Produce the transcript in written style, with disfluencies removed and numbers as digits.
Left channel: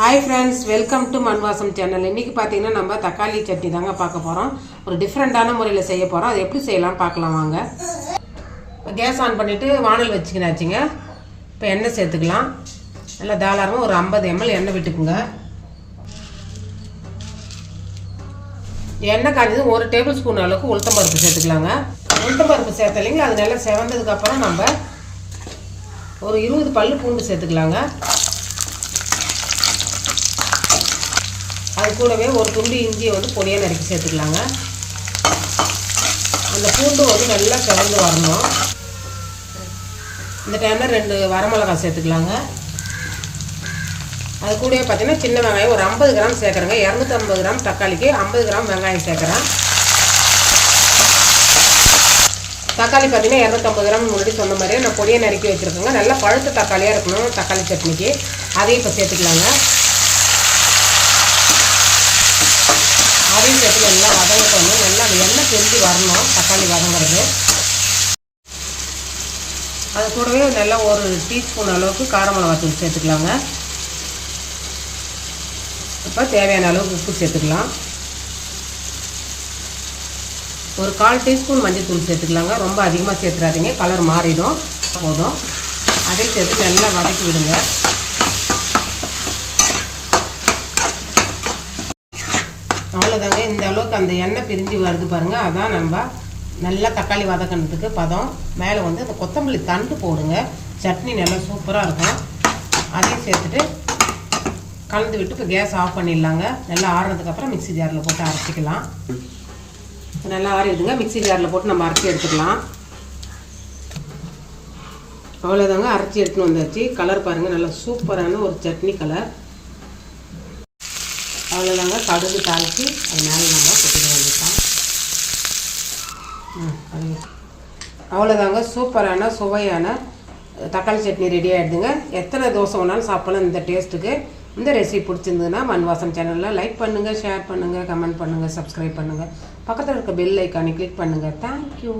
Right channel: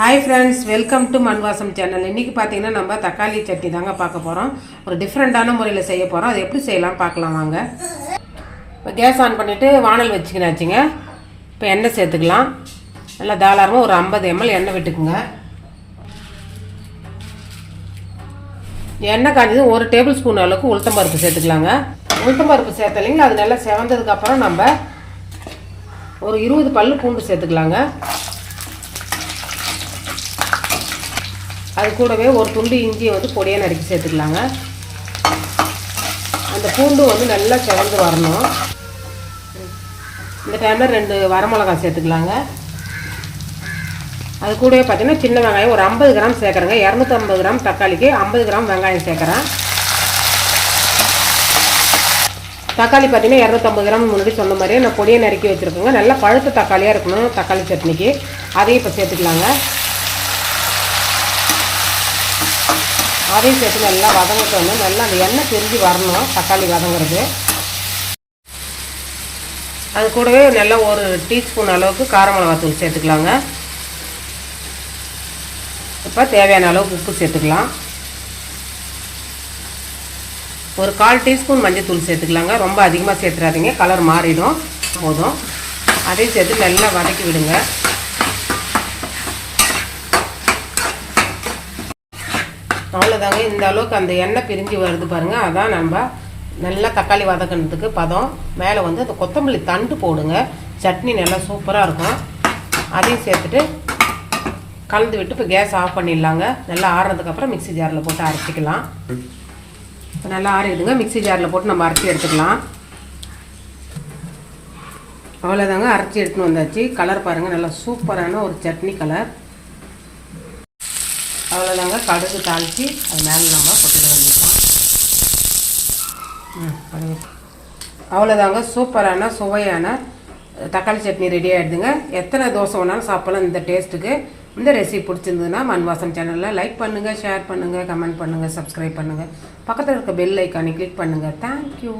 Hi friends, welcome to மண்வாசம் channel. இன்றைக்கி பார்த்தீங்கன்னா நம்ம தக்காளி சட்னி தாங்க பார்க்க போகிறோம். ஒரு டிஃப்ரெண்ட்டான முறையில் செய்ய போகிறோம். அது எப்படி செய்யலாம் பார்க்கலாம் வாங்க. இப்போ கேஸ் ஆன் பண்ணிவிட்டு வானல் வச்சுக்கினாச்சுங்க. இப்போ எண்ணெய் சேர்த்துக்கலாம். நல்லா தாராளமாக ஒரு 50 ml எண்ணெய் விட்டுக்குங்க. எண்ணெய் காஞ்சது 1 டேபிள் ஸ்பூன் அளவுக்கு உளுத்தம்பருப்பு சேர்த்துக்கலாங்க. உளுத்தம்பருப்பு சேர்த்தலைங்களா, அது நல்லா செவந்ததுக்கப்புறம் நம்ம ஒரு 20 பல்லு பூண்டு சேர்த்துக்கலாங்க. அது கூடவே ஒரு துண்டு இஞ்சியை பொடியாக நறுக்கி சேர்த்துக்கலாங்க. அந்த பூண்டு நல்லா செவந்து வரணும். இந்த டைமில் 2 வரமிளகாய் சேர்த்துக்கலாங்க. அது கூடவே பார்த்தீங்கன்னா சின்ன வெங்காயம் ஒரு 50 கிராம் சேர்க்குறேங்க. 250 கிராம் தக்காளிக்கு 50 கிராம் வெங்காயம் சேர்க்குறேன். தக்காளி பார்த்தீங்கன்னா 250 கிராம் முன்னாடி சொன்ன மாதிரியே நான் பொடியை நறுக்கி வச்சுருக்கேங்க. நல்லா பழுத்த தக்காளியாக இருக்கணும் தக்காளி சட்னிக்கு. அதையும் இப்போ சேர்த்துக்கலாங்க. அதையும் சேர்த்து நல்லா வதங்கணும். நல்லா அந்த எண்ணெய் தெரிஞ்சு வரணும் தக்காளி வதங்குறது. அது கூடவே நல்லா ஒரு டீஸ்பூன் அளவுக்கு கார மிளகாத்தூள் சேர்த்துக்கலாங்க. இப்போ தேவையான அளவுக்கு உப்பு சேர்த்துக்கலாம். ஒரு 1/4 டீஸ்பூன் மஞ்சள் தூள் சேர்த்துக்கலாங்க. ரொம்ப அதிகமாக சேர்த்துறாதீங்க, கலர் மாறிடும். போதும். அதையும் சேர்த்து நல்லா வதக்கி விடுங்க. அவ்வளோதாங்க. இந்த அளவுக்கு அந்த எண்ணெய் பிரிஞ்சு வருது பாருங்கள். அதான் நம்ம நல்லா தக்காளி வதக்கினதுக்கு பதம். மேலே அந்த கொத்தமல்லி தண்டு போடுங்க. சட்னி நல்லா சூப்பராக இருக்கும். அதையும் சேர்த்துட்டு கலந்து விட்டு இப்போ கேஸ் ஆஃப் பண்ணிடலாங்க. நல்லா ஆறுனதுக்கப்புறம் மிக்ஸி ஜாரில் போட்டு அரைச்சிக்கலாம். நல்லா ஆறிடுங்க. மிக்ஸி ஜாரில் போட்டு நம்ம அரைச்சி எடுத்துக்கலாம். அவ்வளோதாங்க, அரைச்சி எடுத்துன்னு வந்தாச்சு. கலர் பாருங்கள், நல்லா சூப்பரான ஒரு சட்னி கலர். அவ்வளோதாங்க. கடுகு தாளித்து அது மேலே நம்ம கொட்டிட வேண்டியதான். அவ்வளோதாங்க, சூப்பரான சுவையான தக்காளி சட்னி ரெடி ஆகிடுதுங்க. எத்தனை தோசை வேணாலும் சாப்பிடலாம் இந்த டேஸ்ட்டுக்கு. இந்த ரெசிபி பிடிச்சிருந்ததுன்னா மண்வாசம் சேனலில் லைக் பண்ணுங்கள், ஷேர் பண்ணுங்கள், கமெண்ட் பண்ணுங்கள், சப்ஸ்கிரைப் பண்ணுங்கள். பக்கத்தில் இருக்க பெல் ஐக்கானை கிளிக் பண்ணுங்கள். தேங்க்யூ.